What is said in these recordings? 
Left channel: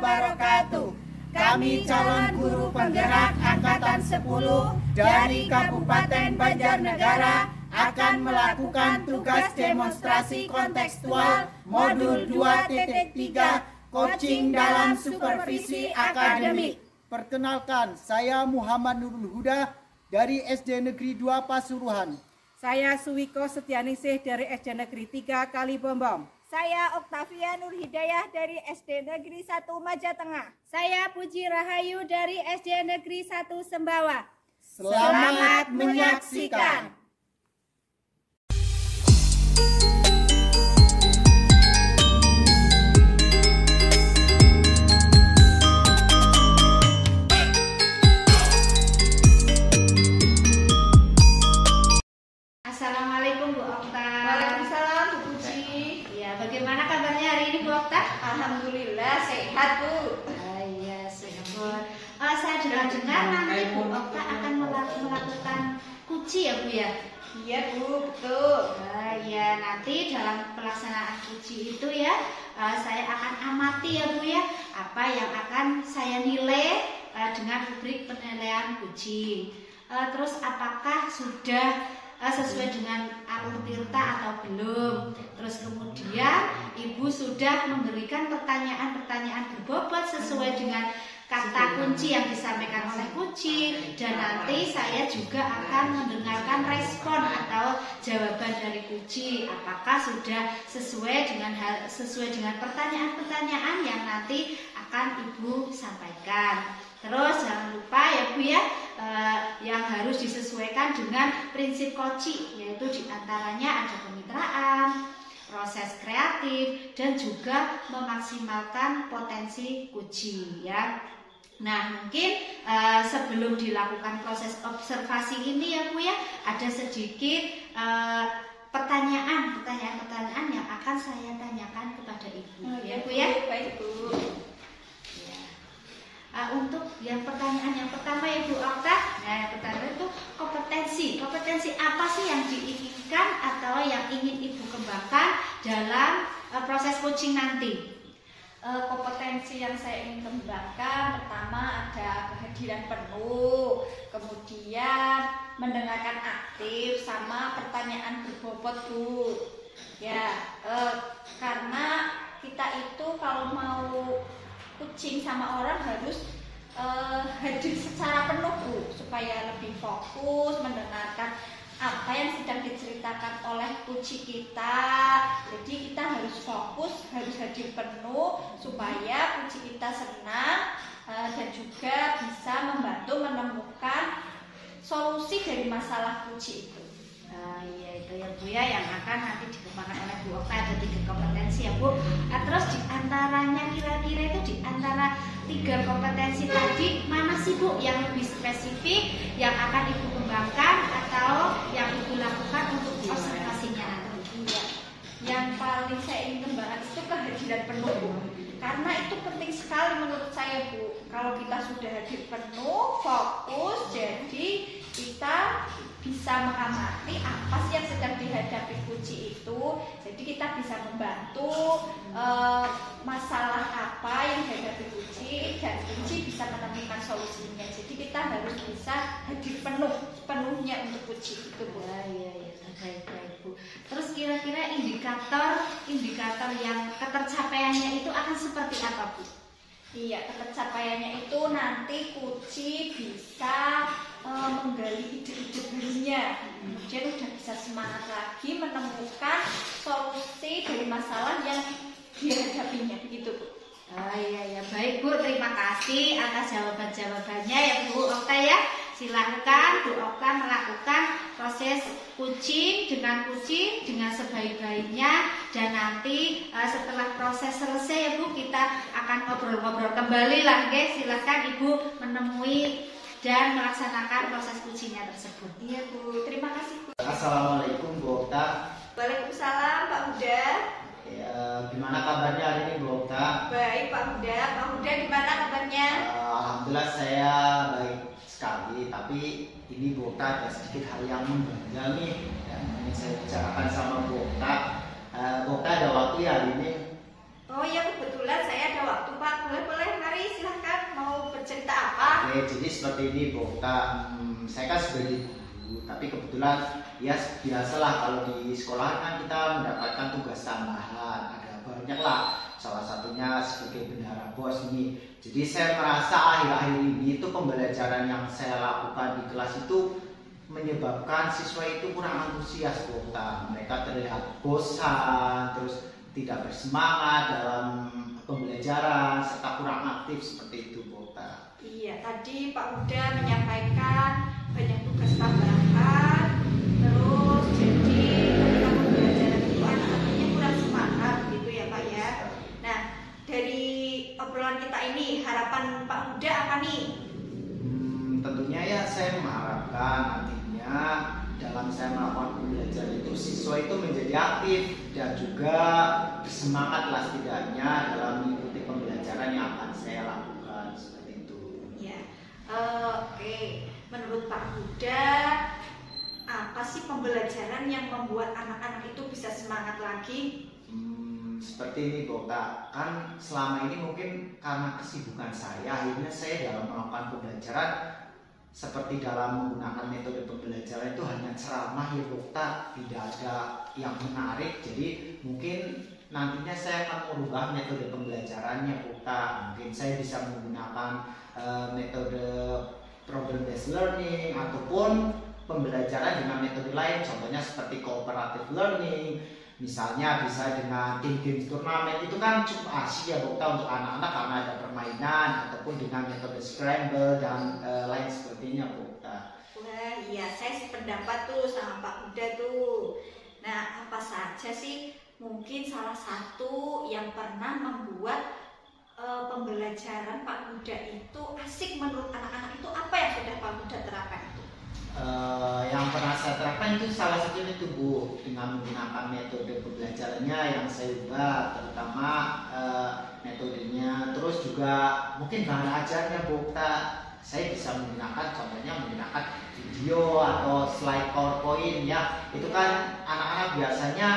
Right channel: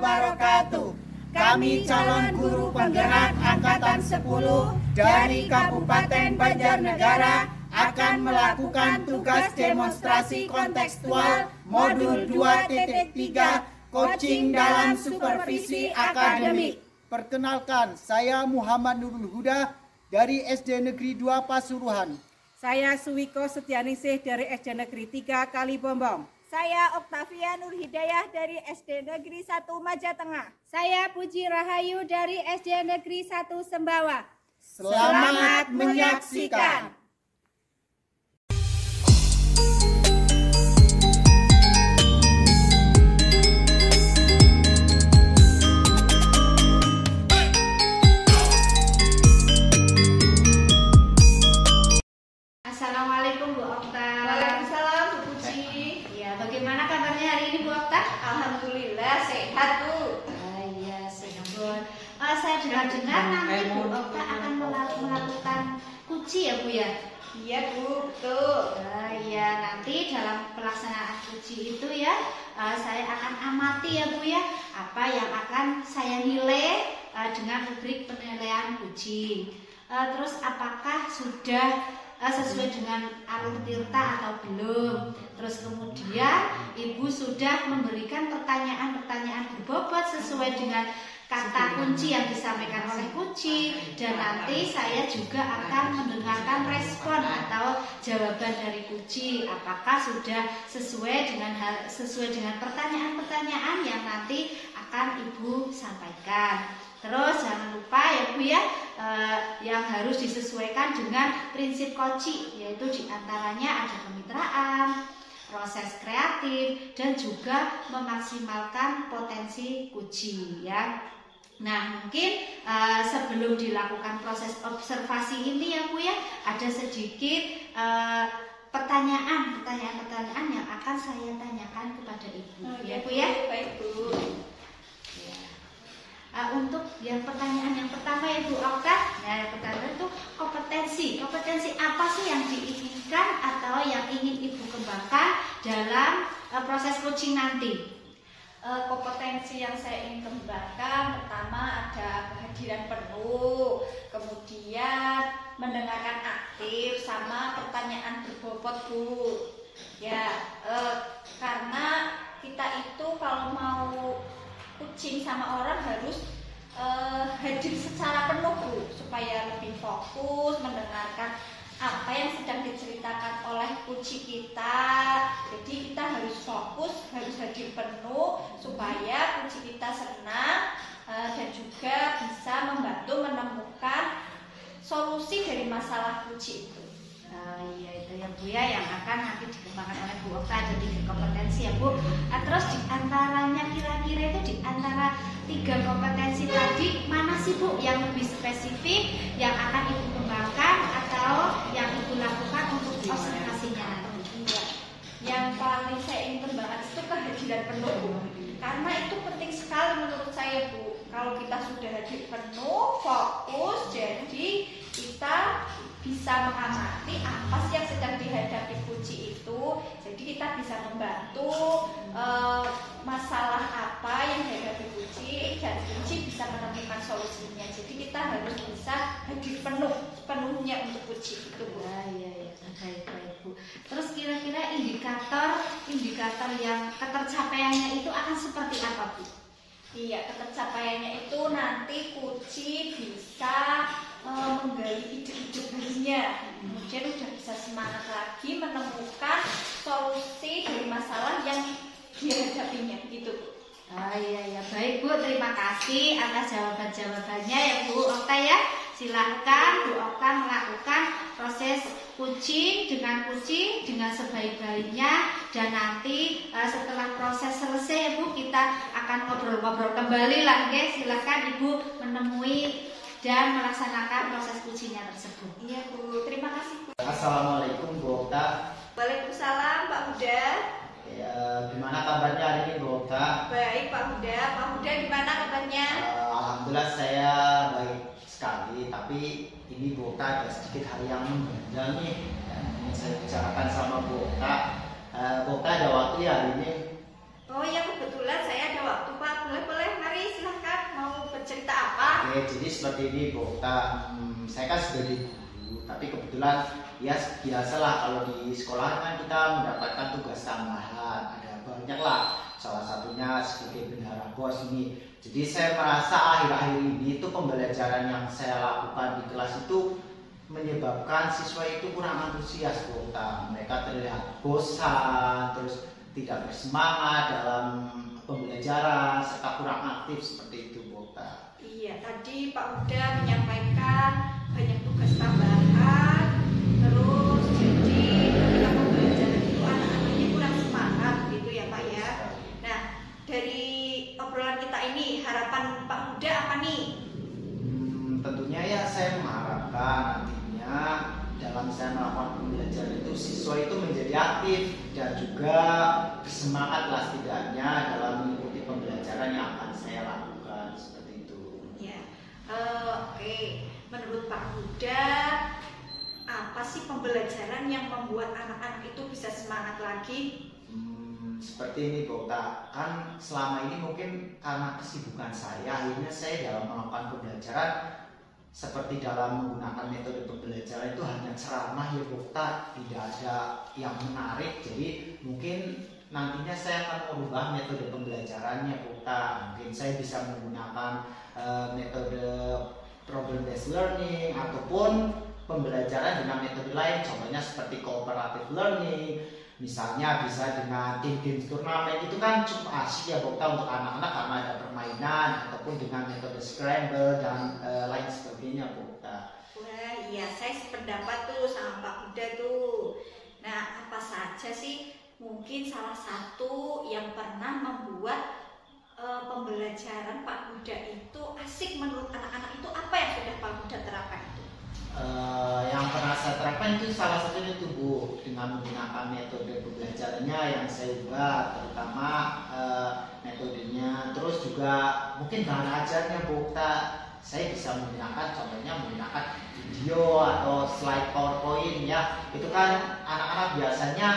wabarakatuh. Kami calon guru penggerak Angkatan 10 dari Kabupaten Banjarnegara akan melakukan tugas demonstrasi kontekstual modul 2.3 coaching dalam supervisi akademik. Perkenalkan, saya Muhammad Nurul Huda dari SD Negeri 2 Pasuruan. Saya Suwiko Setianingsih dari SD Negeri 3 Kalibombong. Saya Oktavia Nur Hidayah dari SD Negeri 1 Majatengah. Saya Puji Rahayu dari SD Negeri 1 Sembawa. Selamat menyaksikan. Assalamualaikum Bu Okta. Waalaikumsalam Bu Puji. Ya, bagaimana kabarnya hari ini Bu Okta? Alhamdulillah sehat Bu. Iya, syukur. Saya dengar-dengar nanti Bu Okta akan melakukan kuci ya Bu ya? Iya Bu, betul. Ya, nanti dalam pelaksanaan kuci itu ya, saya akan amati ya Bu ya, apa yang akan saya nilai dengan rubrik penilaian kuci. Terus apakah sudah sesuai dengan alur tirta atau belum. Terus kemudian Ibu sudah memberikan pertanyaan-pertanyaan berbobot sesuai dengan kata kunci yang disampaikan oleh kuci. Dan nanti saya juga akan mendengarkan respon atau jawaban dari kuci. Apakah sudah sesuai dengan pertanyaan-pertanyaan yang nanti akan Ibu sampaikan. Terus jangan lupa ya Bu ya, yang harus disesuaikan dengan prinsip koci, yaitu diantaranya ada kemitraan, proses kreatif, dan juga memaksimalkan potensi kuci ya. Nah mungkin sebelum dilakukan proses observasi ini ya Bu ya, ada sedikit pertanyaan yang akan saya tanyakan kepada Ibu ya Bu ya. Baik Bu. Untuk yang pertanyaan yang pertama ya Bu Okta, nah yang pertama itu kompetensi apa sih yang diinginkan atau yang ingin Ibu kembangkan dalam proses coaching nanti? Kompetensi yang saya ingin kembangkan pertama ada kehadiran penuh, kemudian mendengarkan aktif sama pertanyaan berbobot Bu. Ya, karena kita itu kalau mau coaching sama orang harus hadir secara penuh Bu, supaya lebih fokus mendengarkan apa yang sedang diceritakan oleh coach kita. Jadi kita harus fokus, harus hadir penuh supaya coach kita senang dan juga bisa membantu menemukan solusi dari masalah coach itu. Iya itu ya Bu ya, yang akan nanti dikembangkan oleh Bu Okta. Ada 3 kompetensi ya Bu. Terus diantaranya kira-kira itu diantara 3 kompetensi tadi mana sih Bu yang lebih spesifik yang akan Ibu kembangkan atau yang Ibu lakukan untuk observasinya nanti? Iya. Yang paling saya ingin kembangkan itu kehadiran penuh Bu. Karena itu penting sekali menurut saya Bu. Kalau kita sudah hadir penuh, fokus, jadi kita bisa mengamati apa sih yang sedang dihadapi kunci itu. Jadi kita bisa membantu masalah apa yang dihadapi kunci, dan kunci bisa menemukan solusinya. Jadi kita harus bisa hadir penuhnya untuk kunci itu Bu. Iya baik Bu. Terus kira-kira indikator yang ketercapaiannya itu akan seperti apa Bu? Iya, ketercapaiannya itu nanti kunci bisa menggali ide-ide barunya, kemudian udah bisa semangat lagi menemukan solusi dari masalah yang dihadapinya begitu Bu. Iya baik Bu, terima kasih atas jawabannya ya Bu Okta ya. Silahkan Bu Okta melakukan proses coaching dengan sebaik-baiknya, dan nanti setelah proses selesai ya Bu, kita akan ngobrol-ngobrol kembali lagi. Silahkan Ibu menemui dan melaksanakan proses coachingnya tersebut. Iya Bu, terima kasih Bu. Assalamualaikum Bu Okta. Waalaikumsalam Pak Huda. Ya, gimana kabarnya hari ini Bu Okta? Baik Pak Huda. Pak Huda gimana kabarnya? Alhamdulillah saya baik sekali, tapi ini Bu Okta ada sedikit hal yang mengganjal nih yang ingin saya bicarakan sama Bu Okta. Bu Okta ada waktu ya hari ini? Oh iya kebetulan saya ada waktu Pak, boleh Oke, jadi seperti ini Bu Okta. Saya kan sebagai guru, tapi kebetulan ya biasalah kalau di sekolah kan kita mendapatkan tugas tambahan, ada banyak lah. Salah satunya sebagai bendahara BOS ini. Jadi saya merasa akhir-akhir ini itu pembelajaran yang saya lakukan di kelas itu menyebabkan siswa itu kurang antusias Bu Okta. Mereka terlihat bosan, terus tidak bersemangat dalam pembelajaran serta kurang aktif seperti itu Bu Okta. Iya, tadi Pak Huda menyampaikan banyak tugas tambahan, terus jadi ketika pembelajaran itu anak-anaknya kurang semangat gitu ya Pak ya. Nah, dari obrolan kita ini harapan Pak Huda apa nih? Tentunya ya saya mengharapkan nantinya dalam saya melakukan pembelajaran itu siswa itu menjadi aktif dan juga bersemangat lah setidaknya dalam mengikuti pembelajaran yang akan saya lakukan seperti itu. Ya, oke. Menurut Pak Huda, apa sih pembelajaran yang membuat anak-anak itu bisa semangat lagi? Seperti ini Bu Okta, kan selama ini mungkin karena kesibukan saya, akhirnya saya dalam melakukan pembelajaran seperti dalam menggunakan metode pembelajaran itu hanya ceramah ya Bu Okta, tidak ada yang menarik. Jadi mungkin nantinya saya akan merubah metode pembelajarannya Bu Okta. Mungkin saya bisa menggunakan metode problem based learning ataupun pembelajaran dengan metode lain, contohnya seperti cooperative learning. Misalnya bisa dengan game turnamen, itu kan cukup asik ya Bu Okta untuk anak-anak karena ada permainan, ataupun dengan metode scramble dan lain sebagainya Bu Okta. Wah iya, saya sependapat tuh sama Pak Huda tuh. Nah, apa saja sih mungkin salah satu yang pernah membuat pembelajaran Pak Huda itu asik menurut anak-anak itu, apa yang sudah Pak Huda terapkan itu? Yang pernah saya terapkan itu salah satunya itu Bu, dengan menggunakan metode pembelajarannya yang saya ubah, terutama metodenya, terus juga mungkin bahan ajarnya Bu Okta. Saya bisa menggunakan contohnya menggunakan video atau slide PowerPoint ya. Itu kan anak-anak biasanya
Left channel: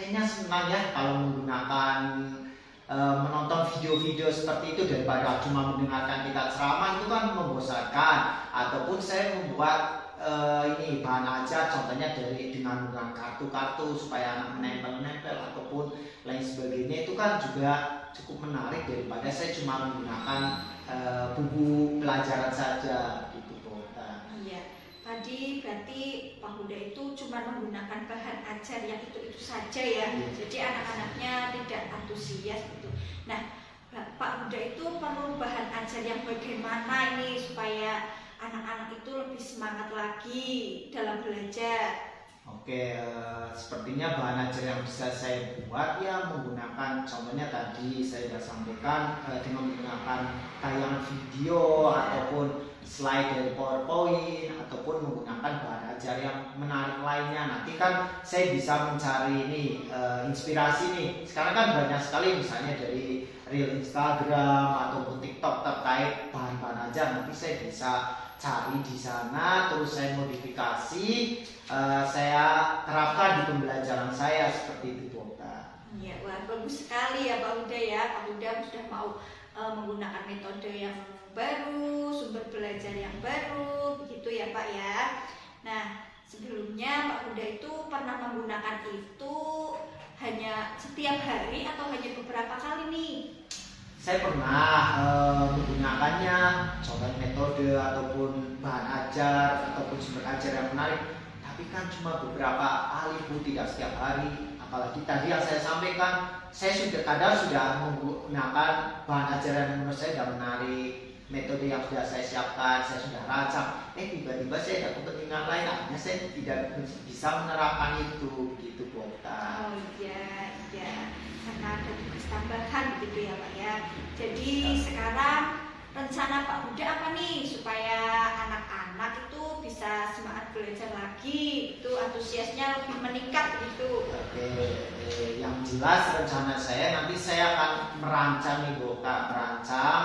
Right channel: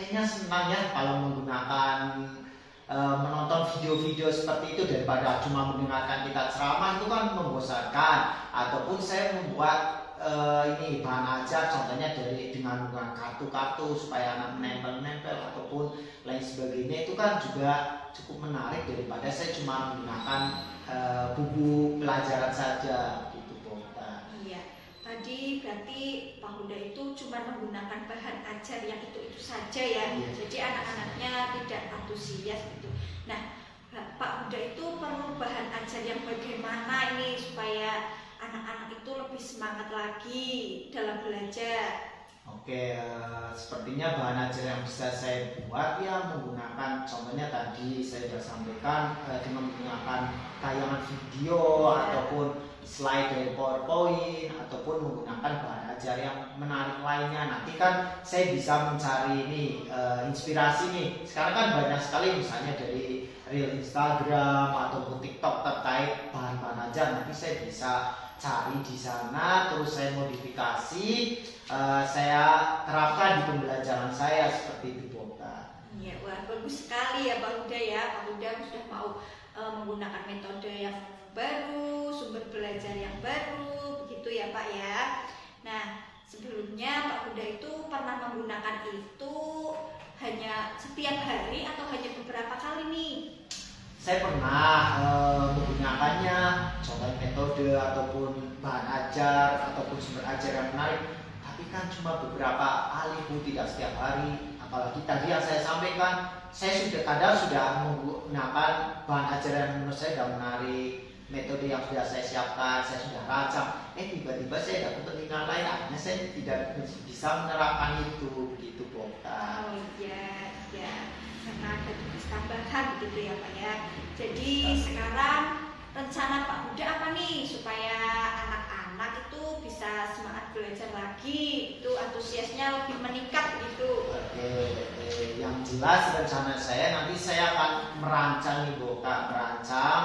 kayaknya senang ya kalau menggunakan menonton video-video seperti itu daripada cuma mendengarkan kita ceramah, itu kan membosankan. Ataupun saya membuat ini bahan ajar contohnya dengan menggunakan kartu-kartu supaya anak menempel-nempel ataupun lain sebagainya, itu kan juga cukup menarik daripada saya cuma menggunakan buku pelajaran saja gitu Bu Okta. Iya, tadi berarti Pak Huda itu cuma menggunakan bahan ajar yang itu saja ya. Iya. Jadi anak-anaknya tidak antusias gitu. Nah, Pak Huda itu perlu bahan ajar yang bagaimana ini supaya anak-anak itu lebih semangat lagi dalam belajar? Oke, sepertinya bahan ajar yang bisa saya buat ya menggunakan contohnya tadi saya sudah sampaikan dengan menggunakan tayangan video ataupun slide dari PowerPoint ataupun menggunakan bahan ajar yang menarik lainnya. Nanti kan saya bisa mencari ini inspirasi nih. Sekarang kan banyak sekali misalnya dari reel Instagram ataupun TikTok terkait bahan-bahan ajar. Nanti saya bisa cari di sana, terus saya modifikasi, saya terapkan di pembelajaran saya seperti itu Bu Okta. Iya, wah bagus sekali ya Pak Huda ya. Pak Huda sudah mau menggunakan metode yang baru, sumber belajar yang baru, begitu ya Pak ya. Nah, sebelumnya Pak Huda itu pernah menggunakan itu hanya setiap hari atau hanya beberapa kali nih? Saya pernah menggunakannya, contoh metode ataupun bahan ajar ataupun sumber ajar yang menarik, tapi kan cuma beberapa kali Bu, tidak setiap hari. Apalagi tadi yang saya sampaikan, saya sudah menggunakan bahan ajar yang menurut saya sudah menarik, metode yang sudah saya siapkan, saya sudah rancang. Tiba-tiba saya dapat kepentingan lain, akhirnya saya tidak bisa menerapkan itu, gitu Bu Okta. Oh iya, karena ada tugas tambahan gitu ya Pak ya. Jadi sekarang rencana Pak Huda apa nih supaya anak-anak itu bisa semangat belajar lagi, itu antusiasnya lebih meningkat gitu? Oke, yang jelas rencana saya nanti saya akan merancang nih Bu Okta, merancang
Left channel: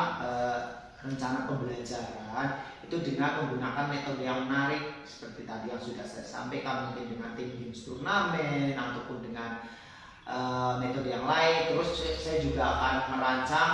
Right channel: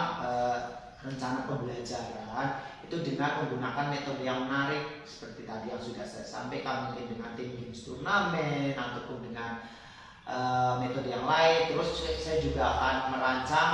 rencana pembelajaran itu dengan menggunakan metode yang menarik seperti tadi yang sudah saya sampaikan, mungkin dengan tim games turnamen ataupun dengan metode yang lain. Terus saya juga akan merancang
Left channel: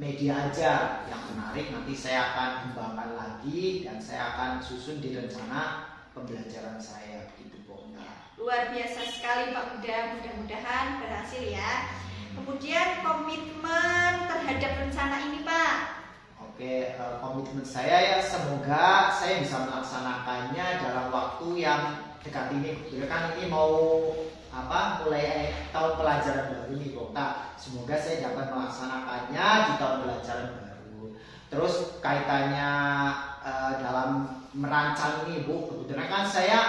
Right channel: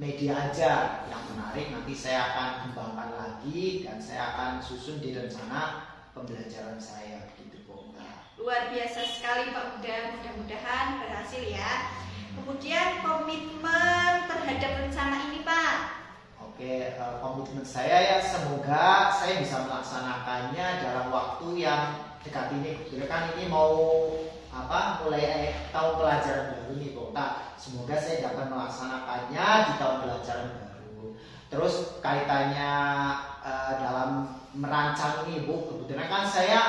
media aja yang menarik, nanti saya akan kembangkan lagi dan saya akan susun di rencana pembelajaran saya gitu Bu Okta. Luar biasa sekali Pak Huda, mudah-mudahan berhasil ya. Kemudian komitmen terhadap rencana ini Pak. Oke, komitmen saya ya semoga saya bisa melaksanakannya dalam waktu yang dekat ini. Kan ini mau mulai tahun pelajaran baru nih Bu Okta. Semoga saya dapat melaksanakannya di tahun pelajaran baru. Terus kaitannya dalam merancang ini Bu, kebetulan kan saya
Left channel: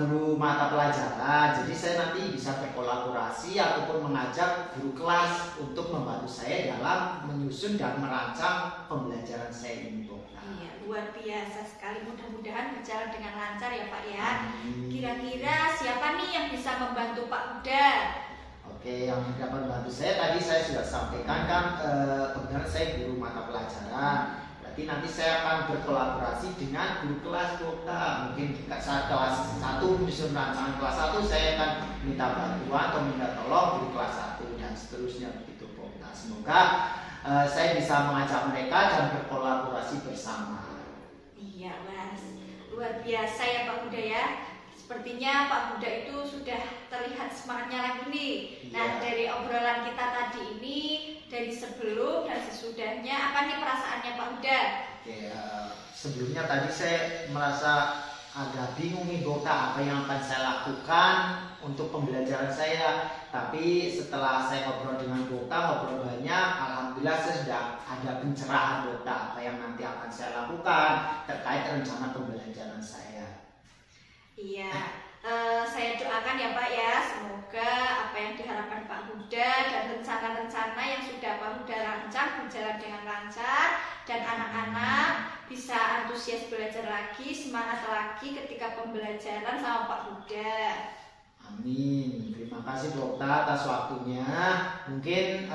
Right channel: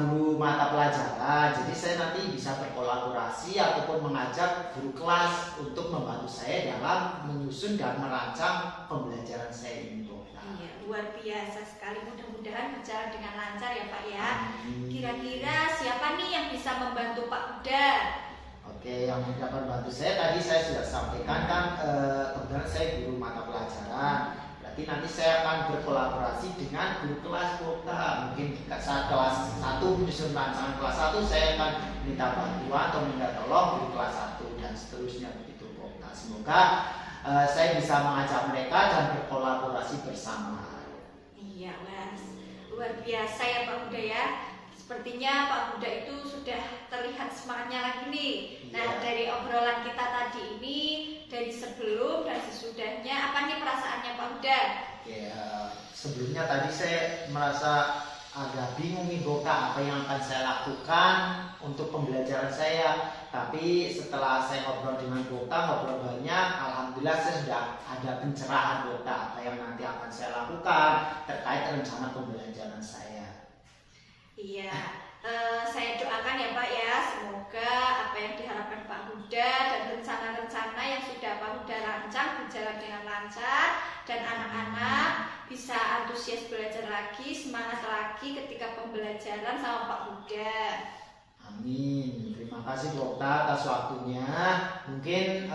guru mata pelajaran, jadi saya nanti bisa berkolaborasi ataupun mengajak guru kelas untuk membantu saya dalam menyusun dan merancang pembelajaran saya ini Bu. Iya, luar biasa sekali, mudah-mudahan berjalan dengan lancar ya Pak ya. Kira-kira siapa nih yang bisa membantu Pak Huda? Oke, yang dapat membantu saya tadi saya sudah sampaikan kan, kebetulan saya guru mata pelajaran. Berarti nanti saya akan berkolaborasi dengan guru kelas kota. Mungkin saat kelas 1 menyusun rancangan kelas 1, saya akan minta bantuan atau minta tolong guru kelas 1 dan seterusnya begitu kota. Semoga saya bisa mengajak mereka dan berkolaborasi bersama. Iya, Mas. Luar biasa ya Pak Huda ya. Sepertinya Pak Huda itu sudah terlihat semangatnya lagi nih. Nah, dari obrolan kita tadi ini, dari sebelum dan sesudahnya, apa nih perasaannya Pak Huda? Oke, sebelumnya tadi saya merasa agak bingung nih Bu Okta, apa yang akan saya lakukan untuk pembelajaran saya. Tapi setelah saya ngobrol dengan Bu Okta, ngobrol banyak, alhamdulillah saya sudah ada pencerahan Bu Okta, apa yang nanti akan saya lakukan terkait rencana pembelajaran saya. Iya, saya doakan ya Pak ya, semoga apa yang diharapkan Pak Huda dan rencana-rencana yang sudah Pak Huda rancang berjalan dengan lancar dan anak-anak bisa antusias belajar lagi, semangat lagi ketika pembelajaran sama Pak Huda. Amin. Terima kasih Bu Okta atas waktunya. Mungkin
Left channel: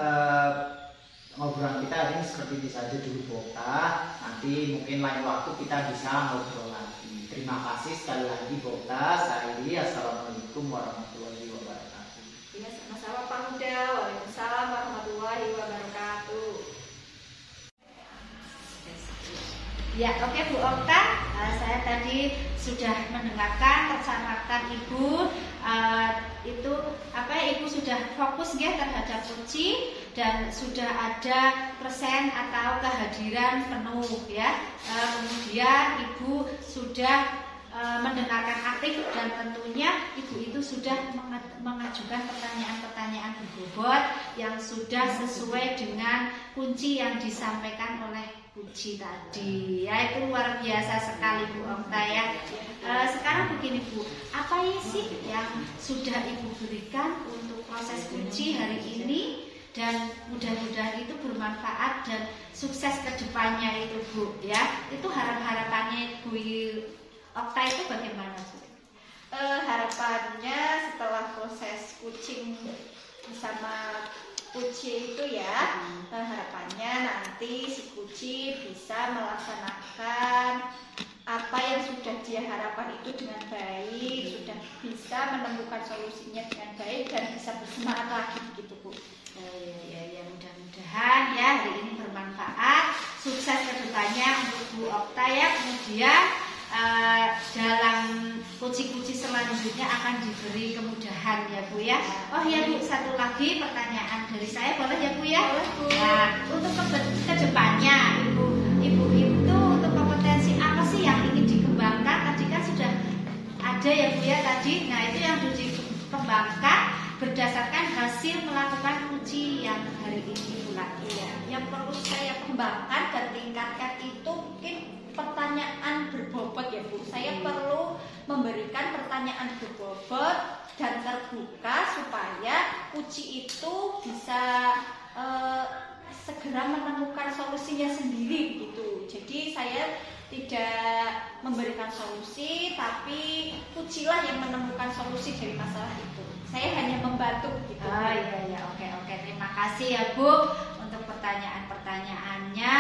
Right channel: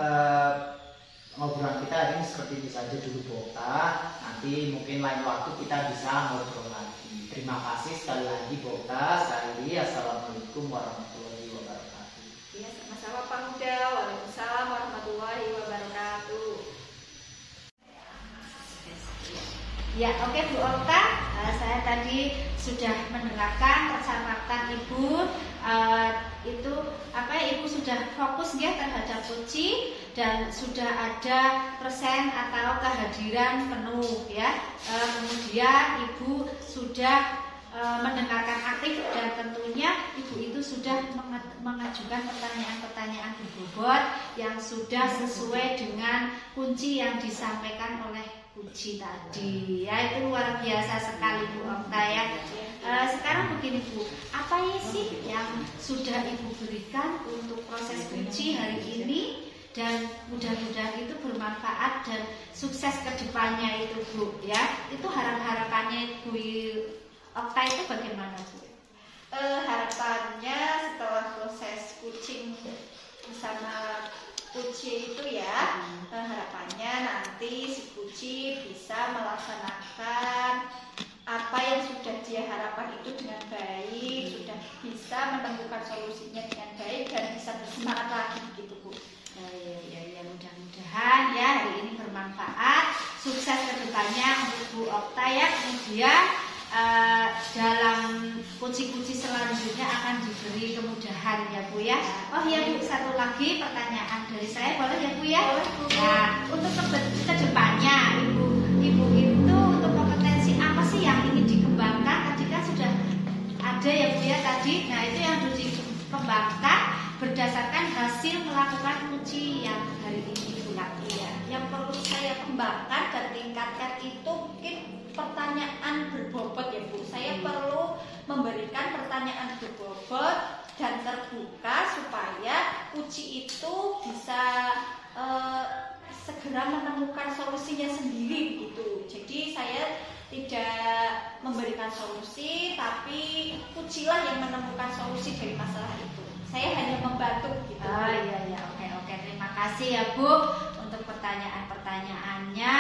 ngobrolan kita hari ini seperti ini saja dulu Bu Okta. Nanti mungkin lain waktu kita bisa ngobrol lagi. Terima kasih sekali lagi Bu Okta. Assalamualaikum warahmatullahi wabarakatuh. Iya, sama-sama Pak Huda. Waalaikumsalam warahmatullahi wabarakatuh. Ya, oke Bu Okta, saya tadi sudah mendengarkan persyaratan Ibu. Itu Ibu sudah fokus ya terhadap kunci dan sudah ada persen atau kehadiran penuh ya. Kemudian Ibu sudah mendengarkan aktif dan tentunya Ibu itu sudah mengajukan pertanyaan-pertanyaan berbobot yang sudah sesuai dengan kunci yang disampaikan oleh kunci tadi ya. Itu luar biasa sekali Bu Okta ya. Sekarang begini Bu, apa sih yang sudah Ibu berikan untuk proses kunci hari ini dan mudah-mudahan itu bermanfaat dan sukses ke depannya itu Bu ya. Itu harapannya Bu Okta itu bagaimana Bu? Harapannya setelah proses coaching bersama Kuci itu ya, harapannya nanti si Kuci bisa melaksanakan apa yang sudah dia harapkan itu dengan baik, sudah bisa menemukan solusinya dengan baik dan bisa bersemangat lagi gitu Bu. Ya, mudah-mudahan ya hari ini bermanfaat, sukses ke depannya untuk Bu Okta ya. Kemudian dalam kunci-kunci selanjutnya akan diberi kemudahan ya Bu ya. Oh ya Bu, satu lagi pertanyaan dari saya boleh ya Bu ya? Boleh Bu. Nah, untuk kedepannya Ibu itu untuk kompetensi apa sih yang ingin dikembangkan? Tadi kan sudah ada ya Bu ya tadi. Nah itu yang harus dikembangkan berdasarkan hasil melakukan kunci yang hari ini Bu ya. Yang perlu saya kembangkan dan tingkatkan itu mungkin pertanyaan berbobot ya Bu. Saya perlu memberikan pertanyaan berbobot dan terbuka supaya uji itu bisa segera menemukan solusinya sendiri gitu. Jadi saya tidak memberikan solusi, tapi ujilah yang menemukan solusi dari masalah itu. Saya hanya membantu gitu. Oh iya oke. Terima kasih ya Bu untuk pertanyaan-pertanyaannya.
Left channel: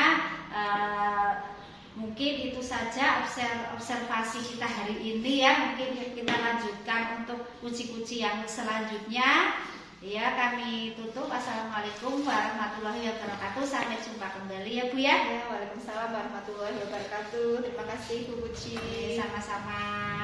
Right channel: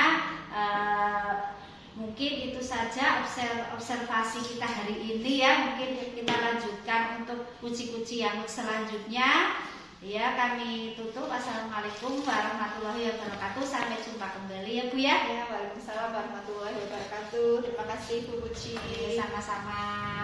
Mungkin itu saja observasi kita hari ini ya. Mungkin kita lanjutkan untuk kunci-kunci yang selanjutnya Ya, kami tutup. Assalamualaikum warahmatullahi wabarakatuh. Sampai jumpa kembali ya Bu ya. Ya, waalaikumsalam warahmatullahi wabarakatuh. Terima kasih Bu Puji. Sama-sama.